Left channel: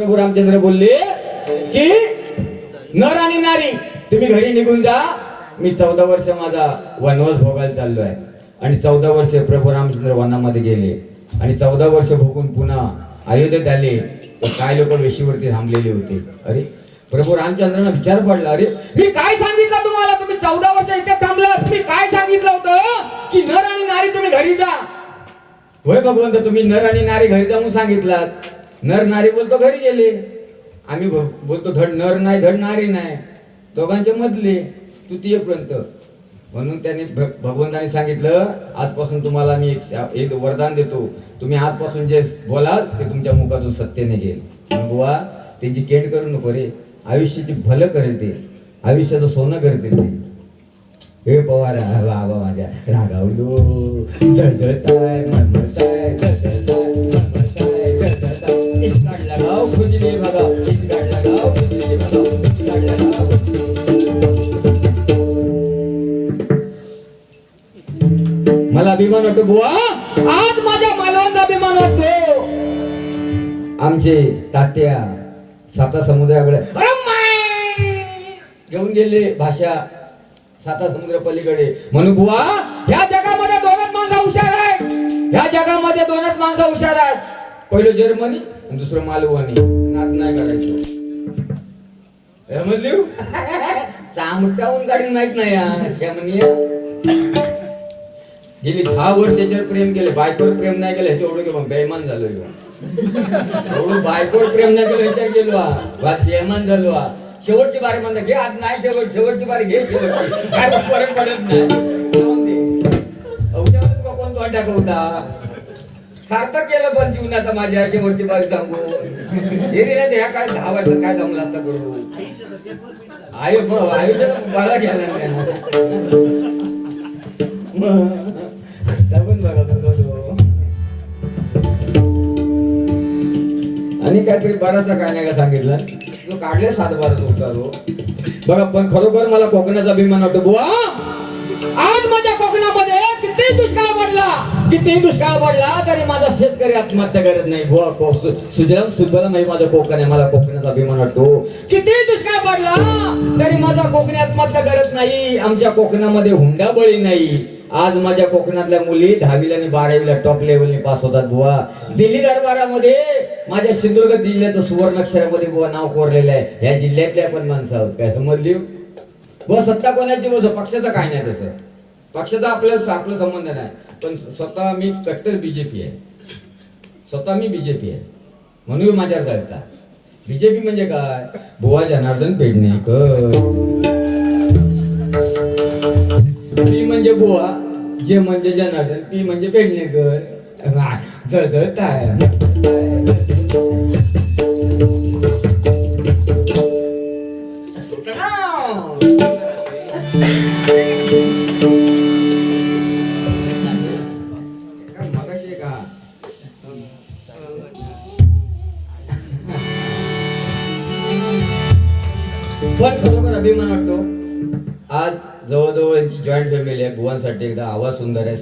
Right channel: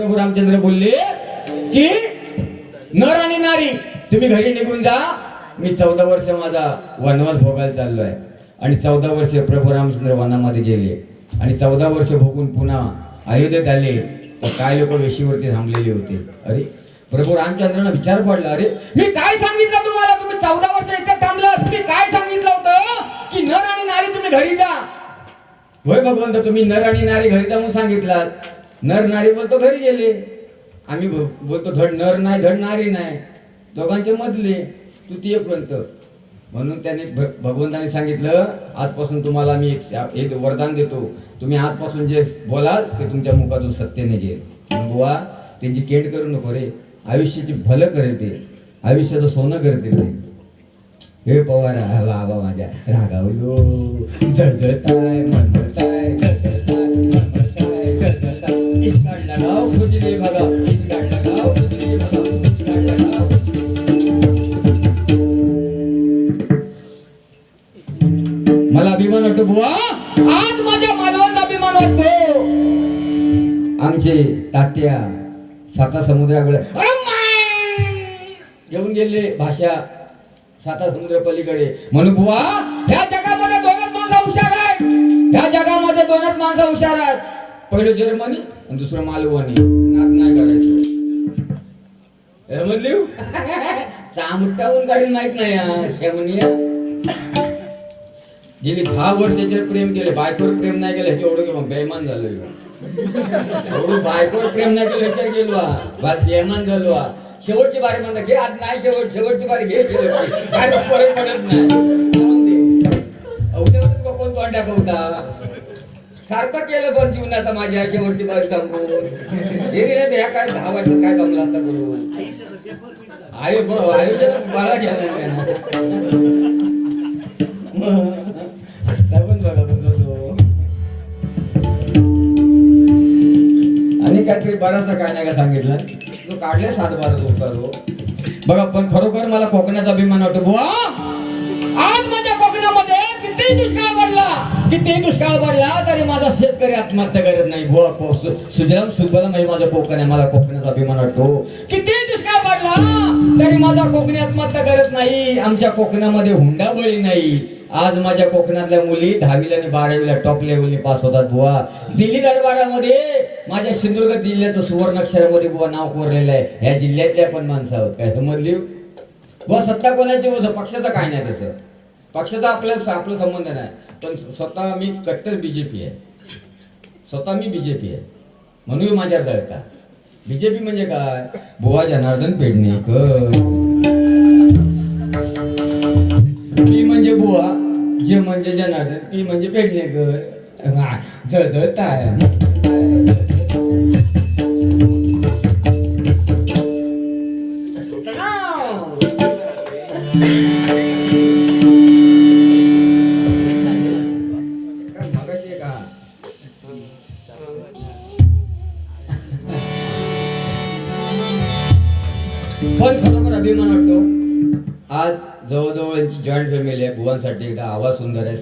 प्रभू रामचंद्र बोलले की नर आणि नारी तुम्ही घरी निघून जा. मी 14 वर्ष माझा वनवास भोगायला चाललोय. आणि 14 वर्ष प्रभू रामचंद्र वनामध्ये गेले आणि 14 वर्ष भोगून पुन्हा अयोध्येत आले. तर काय लोक वेशीवरती थांबलेले होते. अरे प्रभू रामचंद्रांना विचार पडला, अरे मी काय सांगितलं तुम्हाला, तुम्ही 14 वर्ष इथे थांबलात, मी काय सांगितलं होतं की नर आणि नारी तुम्ही घरी जा. होय भगवंत, तुम्ही नर आणि नारी घरी जा म्हणून सांगितलात. नर नारी बोलतो घरी गेले, आम्ही बोलतो धड नर नाही धड नारी नाही, दोघांचे मधले तृतीयपर्यंत. म्हणून त्याने भगवंताने सांगितलं, आजपासून तुम्हाला मी एक वरदान देतो, तुम्ही आजपासून जे बोलाल ते तुमच्या मुखातून सत्य निघेल. बुवा त्यांची केंड करू नको रे, आयुष्याची भलं करेल ते, आयुष्याचं सोनं करतील ते. हे पवार बाबा माझ्या रागावलो जळजळताय मनमरताय काढला गाव खुजले बघा, काढला गाव खुजले बघा, काढला गाव. मला अभिमान वाटतो बुवा, आज माझ्या मालवाचा अभिमान वाटतो. आमचे तात्या 7 समुद्राकडे घेऊन गेले भाषा 7 समुद्र पलीकडे. म्हणून बुवा ह्या जगामध्ये 2च माणसं हुशार आहेत, ह्या जगामध्ये 2च माणसं हुशार आहेत. पहिलं जर्मनी आणि दुसरं मालवणी. नात नाही करायचं सामुट्याहून गाडी माहित नाही. शमनी गेली 10 वर्षाचे प्रेम केले, बायकोवर प्रेम नाही केलं ह्याच्या एवढं बेईमान झालो. एवढं बायकोवर प्रेम नाही केलं ह्याच्या गेलो बेईमान झालो. शेवटची बारी म्हणता घे, आज नाही शेवटची बारी घे, शेवटची काय फरक पडत नाही. कोण तोंड टाकवता सार्थक केलं पण जीवनाचा माझ्या शेवटची बारी सांगून गेली ना. ह्या काय 10 वर्षात काय जमला असता करू आयुष्यात बारा घ्यायला पण बघा तो. आणि काहीतरी बराचसा काय नाही का सांगितलं तो काढले 7 बारा उतारो बघा. पण खरोखर मला कोकणाचा अभिमान वाटतो बुवा. आज माझ्या कोकणामध्ये किती दुष्काळ पडला तरी माझा शेतकरी आत्महत्या करत नाही बुवा. सुजलाम सुफलाम हे माझं कोकण आहे, मला कोकणाचा अभिमान वाटतो. किती दुष्काळ पडला तरी माझा कोकणी आत्महत्या करत नाही. आमच्या कोकणामध्ये हुंडाबळी नाही. आज माझ्या कोकणातल्या मुली 10वीला आणि 12वीला टॉप लेवलने पास होतात बुवा. दिल्ली दरबारामध्ये माझ्या सिंधुदुर्ग जिल्ह्याचं सुवर्णाक्षरामध्ये बुवा नाव कोरलेलं आहे. ह्या जिल्ह्यातल्या पण माणसं आहोत काय समजली बुवा. सत्ता कोणाची बोल, पक्षाचं काय नाही तसं, पक्षाचा आपला संबंध नाही. पण स्वतः मी कट्टर बीजेपी आहे, स्वतः मी बीजेपी आहे म्हणून माझ्यावर जळता. बीजेपी म्हणजे काय बुवा, जनार्दन पेडणेकर. पी म्हणजे बुवा, जे म्हणजे जनार्दन, पी म्हणजे पेडणेकर. जळजळताय पण खरोखर अभिमान वाटतो. आज जवळजवळ यांची जॉईंट फॅमिली आहे. बुवांसाठी एकदा आवाज सुंदर आहे.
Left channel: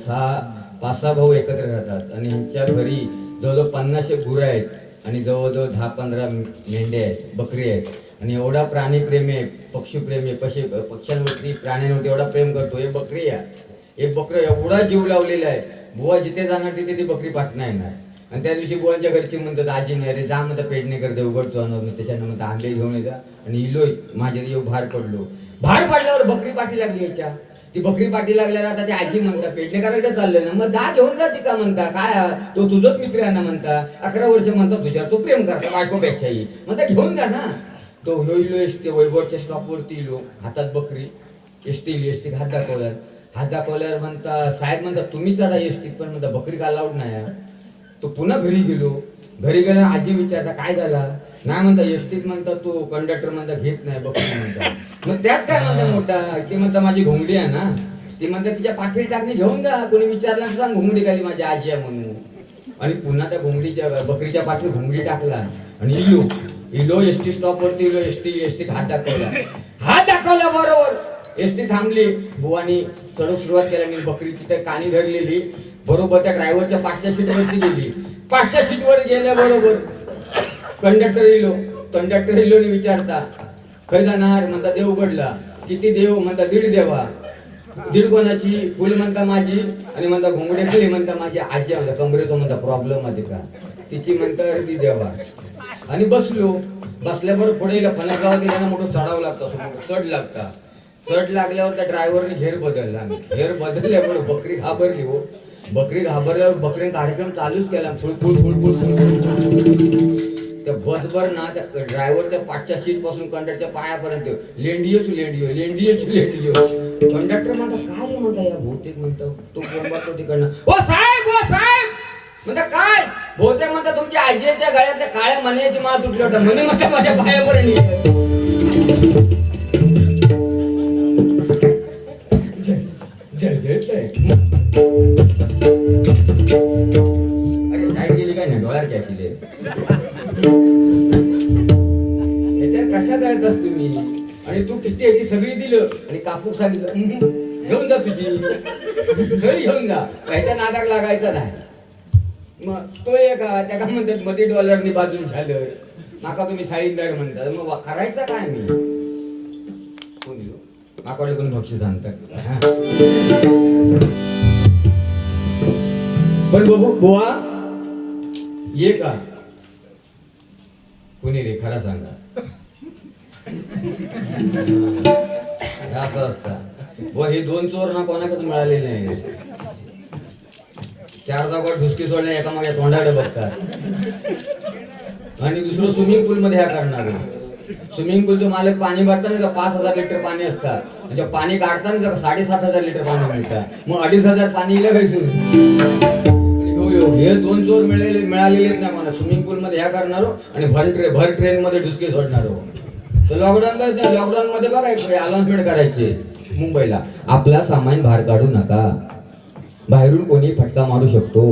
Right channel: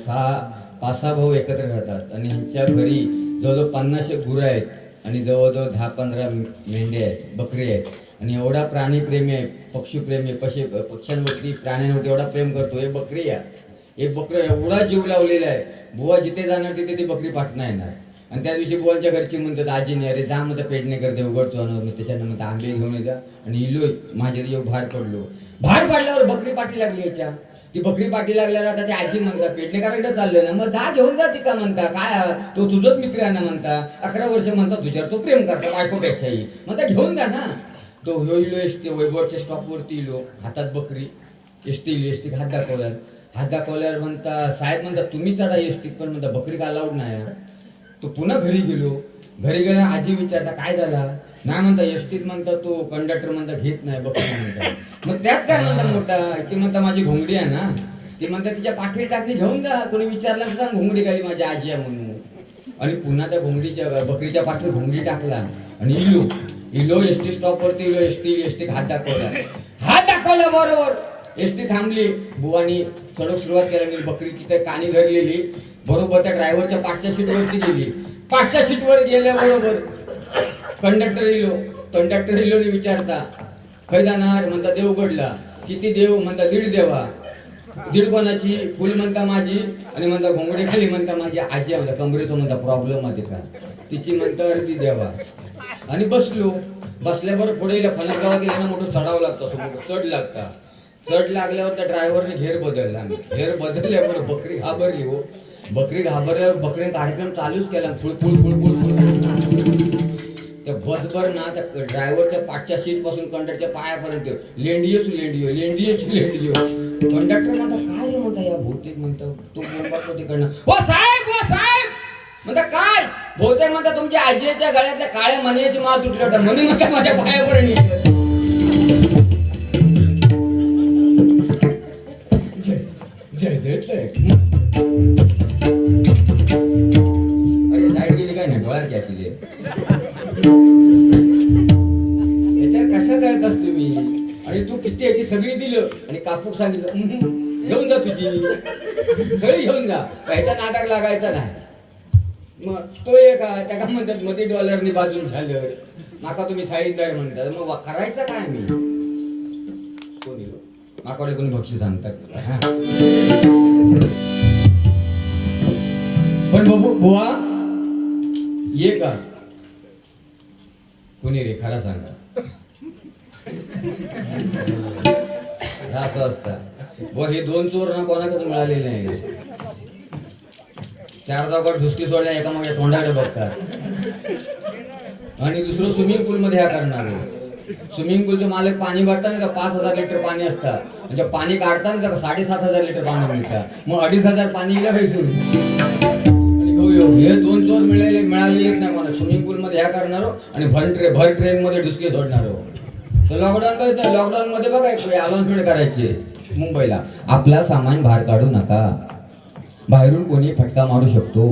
5-6 भाऊ एकत्र राहतात आणि यांच्या घरी जवळजवळ 50 गुरं आहेत आणि जवळजवळ 10-15 मेंढ्या आहेत, बकरी आहेत. आणि एवढा प्राणीप्रेमी आहे, पक्षीप्रेमी, पक्ष्यांवरती प्राण्यांवरती एवढा प्रेम करतो. हे बकरी आहे, हे बकरं एवढा जीव लावलेला आहे. बुवा जिथे जाणार तिथे ती बकरी पाठणं येणार. आणि त्या दिवशी बुवांच्या घरची म्हणतात आजीने, अरे जा म्हणता पेडणेकर देवगडचो आणून त्याच्यानंतर आंबे घेऊन येता आणि इलोय माझे येऊ बाहेर पडलो. बाहेर पडल्यावर बकरी पाठी लागली याच्या. ती बकरी पाठी लागल्यावर आता ते आजी म्हणतात पेडणेकरांकडे चाललं ना, मग जा घेऊन जा ती का म्हणता, काय तो तुझंच मित्र आहे ना म्हणता, 11 वर्ष म्हणतात तुझ्यावर, तो प्रेम करता बायकोपेक्षाही म्हणता घेऊन जा ना. तो इलो एसटी वैभवच्या स्टॉपवरती इलो, हातात बकरी, एसटी हात दाखवल्यावर म्हणता साहेब म्हणतात तुम्ही चढा एसटीत, पण म्हणता बकरी का अलाउड नाही. तो पुन्हा घरी गेलो. घरी गेल्यावर आजी विचारता काय झाला, नाही म्हणता एसटीत म्हणता तो कंडक्टर म्हणता घेत नाही बकरी म्हणता. मग त्यात काय म्हणता मोठा, ते म्हणता माझी घोंगडी आहे ना, ती म्हणता तिच्या पाठीत टाकणी घेऊन जा, कोणी विचारलं सांग घोंगडी खाली माझी आजी आहे म्हणून. आणि पुन्हा त्या बकरीच्या पाठीत घोंगडी टाकला आणि इलो एसटी स्टॉपवरती इलो एसटी हात दाखवला बरोबर एसटी थांबली. बुवानी चढून सुरुवात केली, बकरीची तर कानी धरलेली बरोबर त्या ड्रायव्हरच्या 5च्या सीटवरती गेली. 5च्या सीटवर गेल्याबरोबर कंडक्टर इलो विचारता खय जाणार म्हणता देव उघडला. किती देव म्हणता दीड देवा. दीड कोणाची फुल म्हणता माझी आणि म्हणता घोंगडे खाली म्हणता माझी आजी म्हणता कमरेचा म्हणता प्रॉब्लेम मध्ये का तिची म्हणता अर्धी देवा. आणि बसल्याबरोबर पुढे फणस गावात गेल्यानं मोठं चढावं लागतं चढ लागता. चढ लागल्यावर त्या ड्रायव्हरने घेर बदलला. घेर बदलल्यावर बकरी घाबरली हो. बकरी घाबरल्यावर बकरीने कार्यक्रम चालूच केला फुल फुल फुल फुल. त्या बसभर ना त्या ड्रायव्हरच्या पाठच्या सीट पासून कंडक्टरच्या पायापर्यंत लेंडियो. कंडक्टर म्हणता काय रे म्हणता या बहुतेक म्हणतो तो तिकडनं ओ साहेब म्हणता काय बहुतेक म्हणता तुमच्या आजीच्या गळ्यातल्या काळ्या मण्याची माळ तुटली होता म्हणे म्हणता माझ्या पायापर्यंत. अरे लाईट गेली काय ना डोळ्यात कॅशिले याच्यात कशात येतस तुम्ही. आणि तू किती आहे ती सगळी दिलं आणि कापूक सांगितलं घेऊन जा तुझी सगळी घेऊन जा ह्याच्या नादाक लागायचा नाही. मग तो एक त्याला म्हणतात मध्ये डॉलरनी बाजून झालं माका तुम्ही साईदार म्हणतात मग करायचं काय मी कोणी माकाकडे कोणी बक्षीस आणतात. पण बघू बुवा ये का कोणी रे खरा सांगा असं असतं व हे दोन चोर ना कोणाकडे मिळालेले नाही. चार जागा ढुसकी सोडल्या एका मागे तोंडाकडे बघतात. आणि दुसरं स्विमिंग पूल मध्ये ह्या करणार. स्विमिंग पूलचं मालक पाणी भरताना 5,000 लिटर पाणी असतात म्हणजे पाणी काढताना 7,500 लिटर पाणी मिळतात मग 2,500 पाणी हे दोन चोर मिळालेलेच नाही मला. स्विमिंग पूल मध्ये ह्या करणारो आणि भर ट्रेन मध्ये ढुसके सोडणारो. तर लॉकडाऊन मध्ये बघा एक अनाउन्समेंट करायची मुंबईला आपला सामान बाहेर काढू नका बाहेरून कोणी फटका मारू शकतो.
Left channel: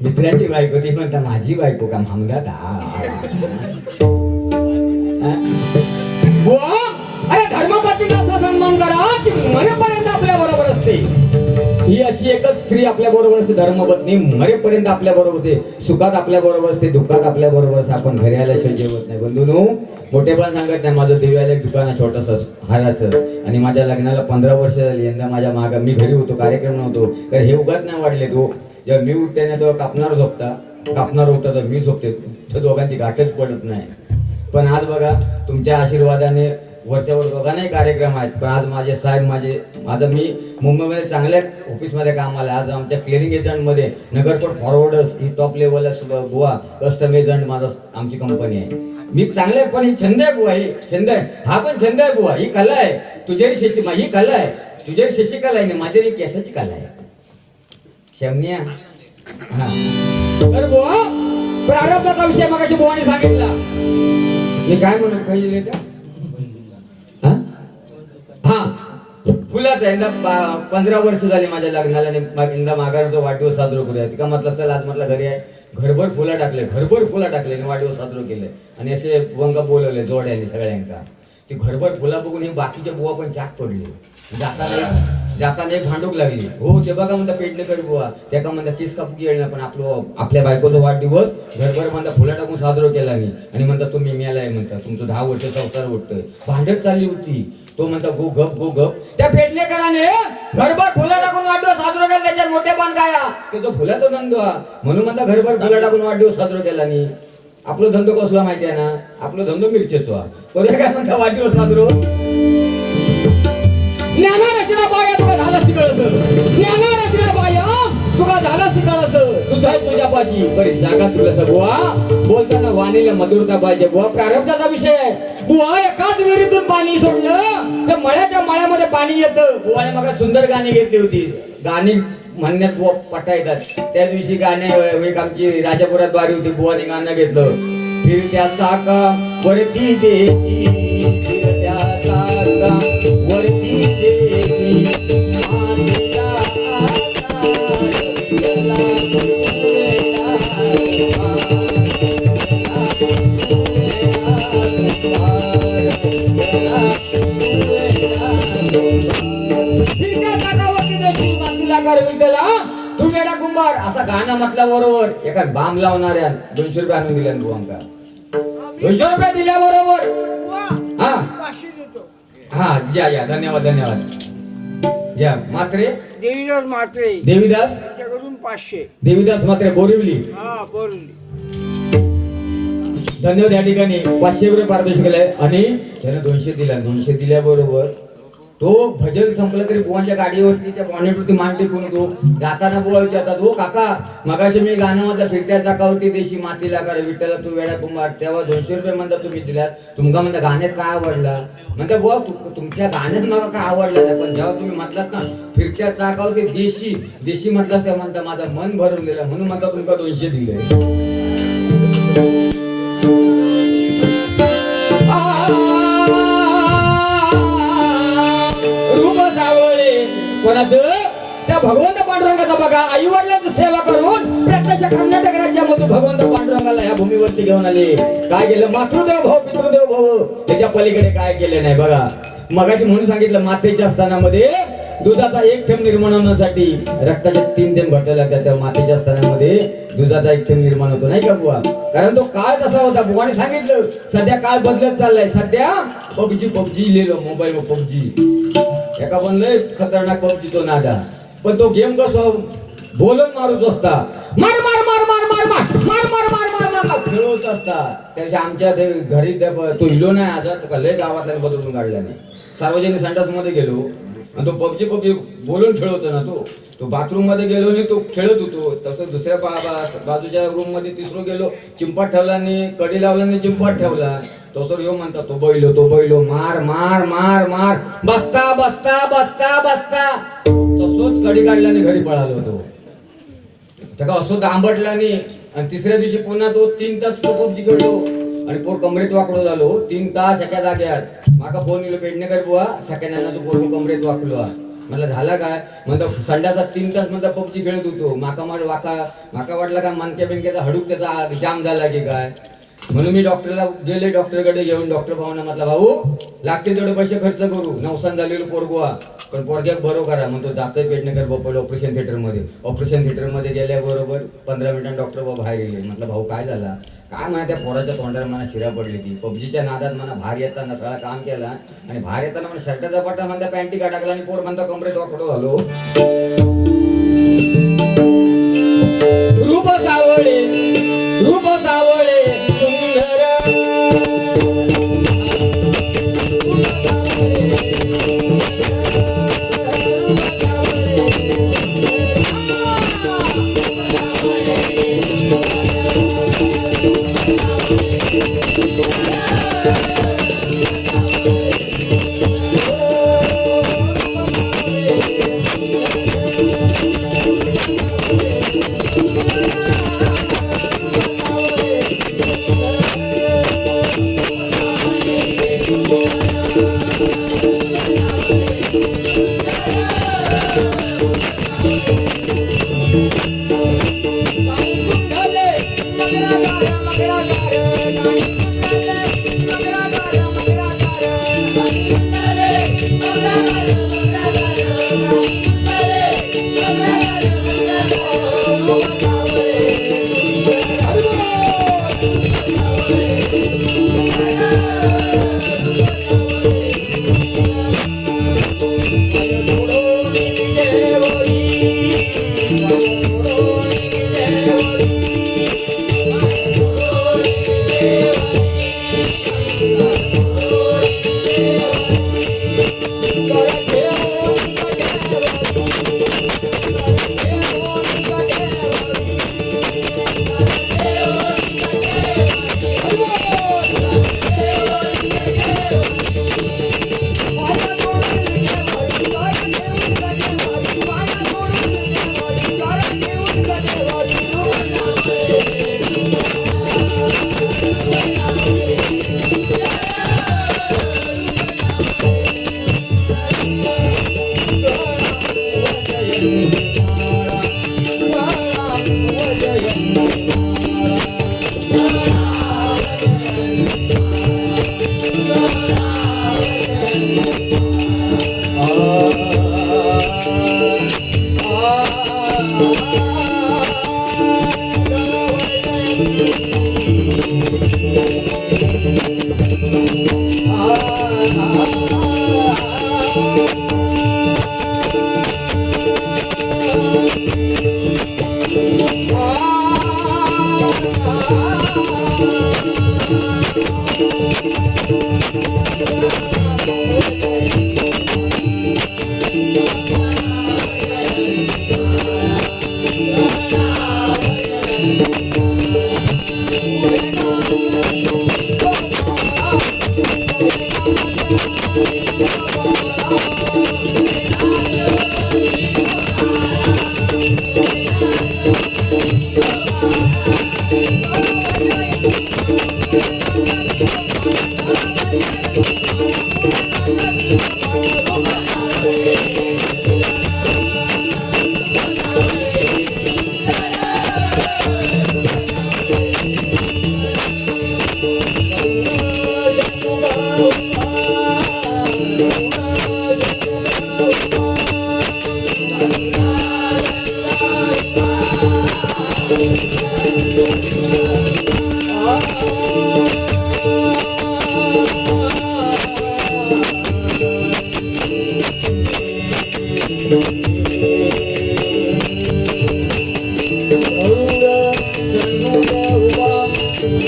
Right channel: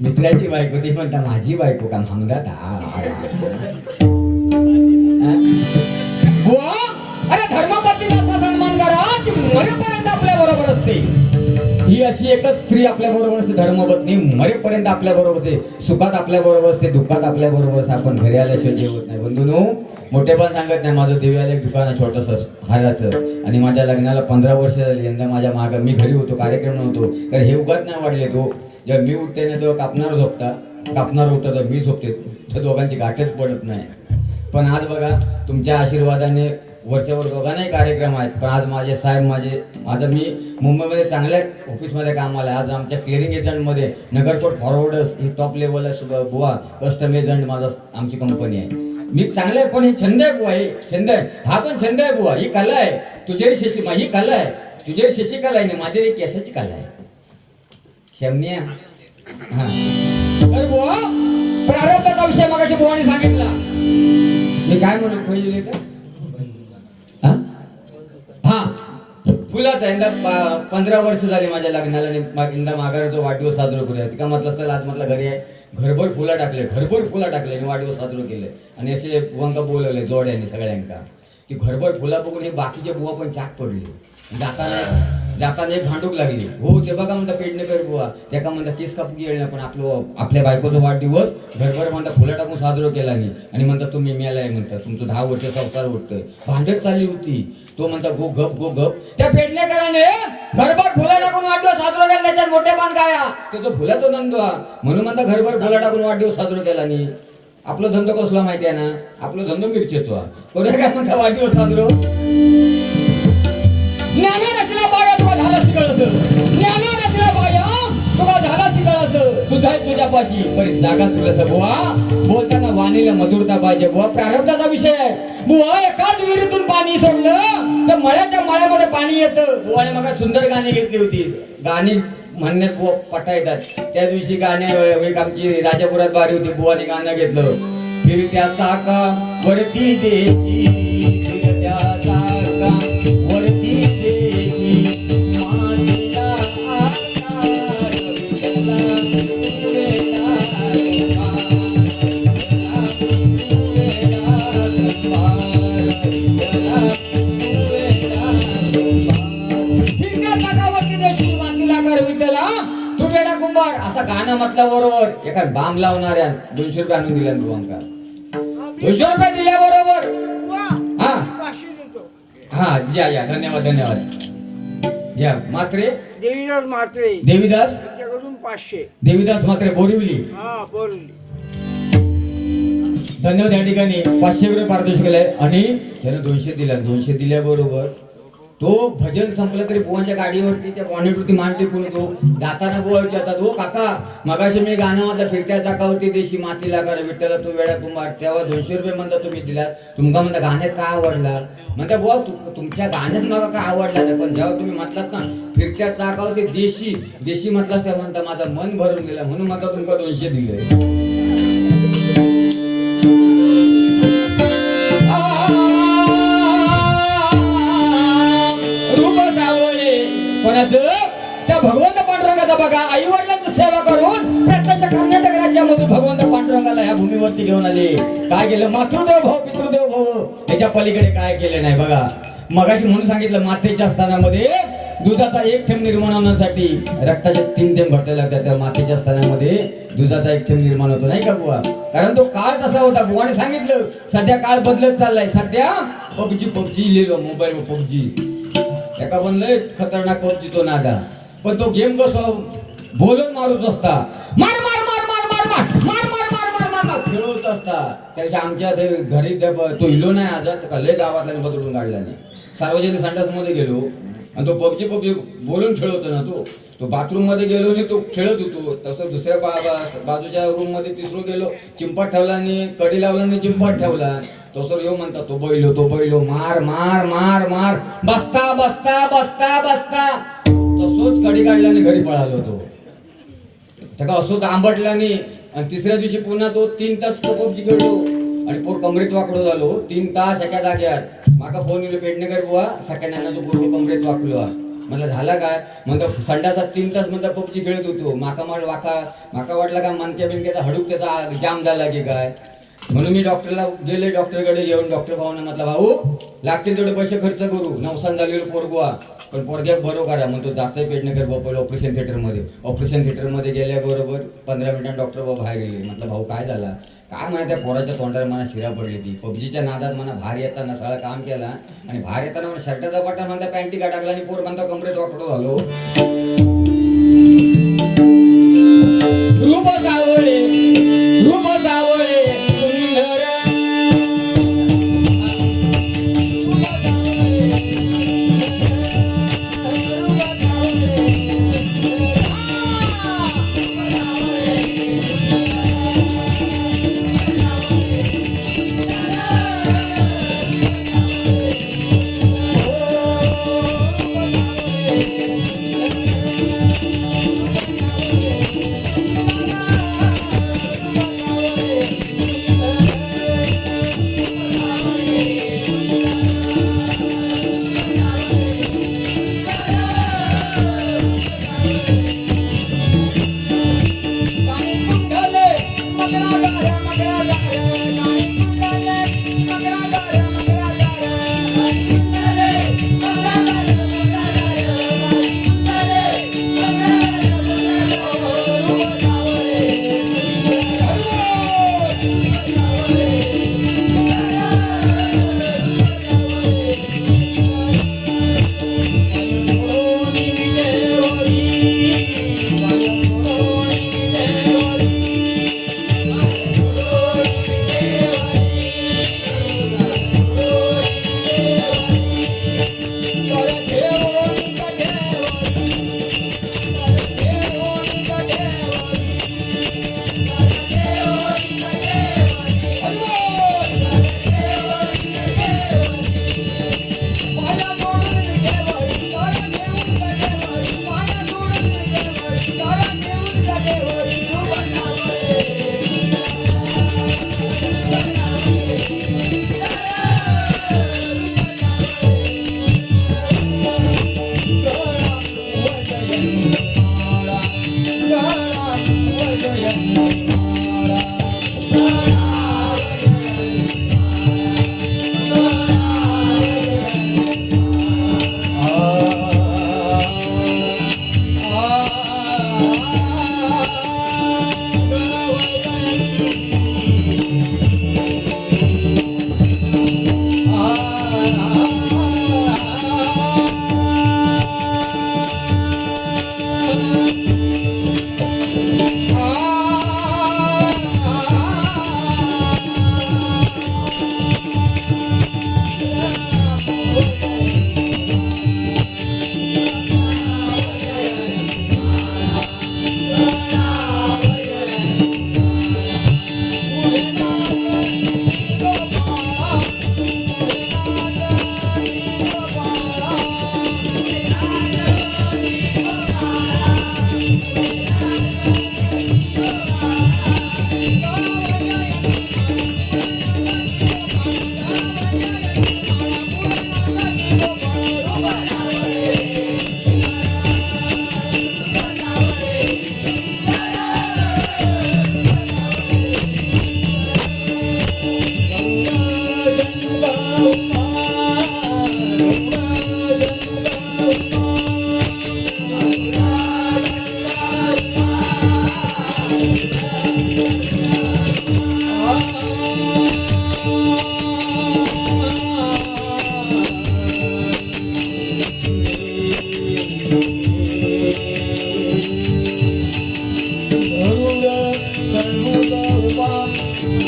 मित्राची बायको ती म्हणता माझी बायको का मागतात. अरे धर्मपत्नीचा असा सन्मान करा मरेपर्यंत आपल्या बरोबर असते. ही अशी एकच स्त्री आपल्या बरोबर असते धर्मपत्नी मरेपर्यंत आपल्या बरोबर असते. सुखात आपल्या बरोबर असते दुःखात आपल्या बरोबर असते. आपण घरी आल्याशिवाय जेवत नाही. बंधूनो मोठेपण सांगत नाही. माझं देवाला एक दुकान आहे छोटंसं हाराचं आणि माझ्या लग्नाला 15 वर्ष झाली. यंदा माझ्या मागं मी घरी होतो कार्यक्रम नव्हतो कारण हे उगाच नाही वाढले. तो जेव्हा मी उठते ना तेव्हा कापणार उठता तर मी झोपते तर दोघांची गाठच पडत नाही. पण आज बघा तुमच्या आशीर्वादाने वरच्यावर दोघांनाही कार्यक्रम आहेत. पण आज माझे साहेब माझं मी मुंबईमध्ये चांगल्या ऑफिसमध्ये कामाला आज आमच्या क्लिअरिंग एजंटमध्ये नगरकोट फॉरवर्डर्स ही टॉप लेवलला बुवा कस्टम एजंट माझं आमची कंपनी आहे. मी चांगलं आहे पण ही छंद आहे बुवा. ही छंद आहे हा पण छंद आहे बुवा. ही कला आहे तुझेरी शेशी ही कला आहे तुझेरी शेशी कला आहे ना माझी केसाची कला आहे शमनिया. हा तर बुवा प्रारंभाचा विषय मगाशी बुवाने सांगितला. मी काय म्हणून कळले का हा फुलाचा यंदा 15 वर्ष झाली माझ्या लग्नाला आणि यंदा माघाराचा वाढदिवस साजरा करूया. तिका म्हटलं चल आज म्हटलं घरी आहे घरभर फुला टाकले आणि वाढदिवस साजरा केले आणि असे वंग बोलवले जोड्याने सगळ्यांका. ती घरभर फुला बघून हे बाकीचे बुवा पण चाक पडले. जाताना एक भांडूक लागली हो ते बघा म्हणता पेटणे कर बुवा त्या का म्हणता केस कापूक येईल ना पण आपल्या बायकोचा वाढदिवस घरभर म्हणता फुलं टाकून साजरा केला नाही आणि म्हणता तुम्ही मेलाय म्हणता तुमचं 10 वर्ष संसार उठतोय. भांडत चालली होती. तो म्हणता गो गप त्या पेडणेकराने घरभर फुलं टाकून वाढदिवस साजरा केला. त्याच्यात मोठे पान गाया तो फुलाचा धंदो म्हणून म्हणता घरभर फुलं टाकून वाढदिवस साजरा केला नाही. आपला धंदो कसला माहिती आहे ना आपला धंदो मिरचेचा पण काय म्हणता वाढदिवस साजरा ज्ञाना रचना बाया तुका झाला शिकळत ज्ञाना रचना बाया तुका झाला शिकळत तुझा तुझ्या पाशी बरी जागा तुला बुवा बोलताना वाणीला मधुरता पाहिजे बुवा. प्रारब्धाचा विषय बुवा एकाच विहिरीतून पाणी सोडलं तर मळ्यामध्ये पाणी येतं. बुवाने मग सुंदर गाणी घेतली होती. गाणी म्हणण्यात बुवा पटा येतात. त्या दिवशी गाणे एक आमची राजापुरात बारी होती. बुवाने गाणं घेतलं फिरत्या चाका वरती देशी फिरत्या चाका वरती म्हटला बरोबर एका बाम लावणाऱ्या 200 रुपये आणून दिल्या तू आमका 200 रुपये दिल्या बरोबर. हा हा द्या या धन्यवाद धन्यवाद द्या. मात्रे देवीदास म्हात्रे देवीदास त्याच्याकडून 500. देवीदास मात्रे बोरिवली हा बोलली. धन्यवाद. या ठिकाणी 500 रुपये पारितोषिक केलंय आणि त्याने 200 दिला. 200 दिल्याबरोबर तो भजन संपलं तरी बुवांच्या गाडीवरती त्या बॉनेटवरती मान टेकून तो गाताना बुवा विचारतात, हो काका मगाशी मी गाणं म्हटलं फिरत्या चाकावरती देशी मातीला कर विठ्ठला तू वेळा कुमार, तेव्हा 200 रुपये म्हणता तुम्ही दिलात. तुमका म्हणता गाण्यात काय आवडला म्हणता बुवा तुमच्या गाण्यात मला काय आवडला नाही, पण जेव्हा तुम्ही म्हटलात ना फिरत्या चाकावरती देशी देशी म्हटलं तेव्हा म्हणता माझं मन भरून गेलं म्हणून म्हणता तुमका 200 दिले. कोणाचं त्या भगवंत पांडुरंगाचा बघा आई वडिलांची सेवा करून प्रत्यक्ष कर्नाटक राज्यामधून भगवंत पांडुरंगाला या भूमीवरती घेऊन आले. काय केलं मातृदेव भाऊ पितृदेव भाऊ त्याच्या पलीकडे काय केले नाही बघा. मगाशी म्हणून सांगितलं मातेच्या स्थानामध्ये दुधाचा 1 थेंब निर्माण होण्यासाठी रक्ताचे 3 थेंब घडवावे लागतात. त्या मातेच्या स्थानामध्ये दुधाचा 1 थेंब निर्माण होतो नाही का बुवा. कारण तो काळ तसा होता. बुवाने सांगितलं सध्या काळ बदलत चाललाय. सध्या पबजी लिहिलो मोबाईल पबजी एका बनलंय खतरनाक पबजी तो नादा. पण तो गेम कसो बोलून मारूच असता मार मार मार मार मार मार मार मार मार मार मार खेळत असता. त्याच्या आमच्या घरी तो हिलो नाही आजात लय गावातल्या बदलून काढला नाही. सार्वजनिक संडास मध्ये गेलो आणि तो पबजी बोलून खेळत ना तो बाथरूम मध्ये गेलो आणि तो खेळत होतो. तसं दुसऱ्या बाजूच्या रूम मध्ये तिसरं गेलो चिंपाट ठेवला आणि कडी लावला आणि चिंपाट ठेवला. तो सर येऊ म्हणता तो बैलो मार मार मार मार बसता बसता बसता बसता तसोच कडी काढला आणि घरी पळालो होतो. त्याला असो आंबटला आणि तिसऱ्या दिवशी पुन्हा तो 3 तास तो पबजी खेळलो आणि पोर कमरेत वाकडो झालो. 3 तास एका जाग्यात माका फोन येलो पेडणेकर बुवा सेकंड तू पोर कमरेत वाकलो. मला झाला काय म्हणतो संडासात 3 तास म्हणता पबजी खेळत होतो. माका वाटला काय मानक्या बिनक्याचा हडूक त्याचा जाम झाला की काय म्हणून मी डॉक्टरला गेले. डॉक्टरकडे घेऊन डॉक्टर भाऊने म्हटलं भाऊ लागतील तेवढे पैसे खर्च करू नवसान झालेलं पोरगुवा पण पोरग्यात बरो करा म्हणतो जातोय पेडणेकर बापा ऑपरेशन थिएटरमध्ये गेल्याबरोबर 15 मिनिटांनी डॉक्टर भाऊ बाहेर गेले. म्हटलं भाऊ काय झाला काय माहिती त्या पोराच्या तोंडावर मला शिरा पडली ती पबजीच्या नादात मला बाहेर येताना सगळं काम केला आणि बाहेर येताना मला शर्टाचा बटन म्हणता पॅन्टी टाकला आणि पोर म्हणता कमरेत वाकडो झालो. रूप सावळे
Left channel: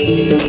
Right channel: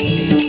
Thank you.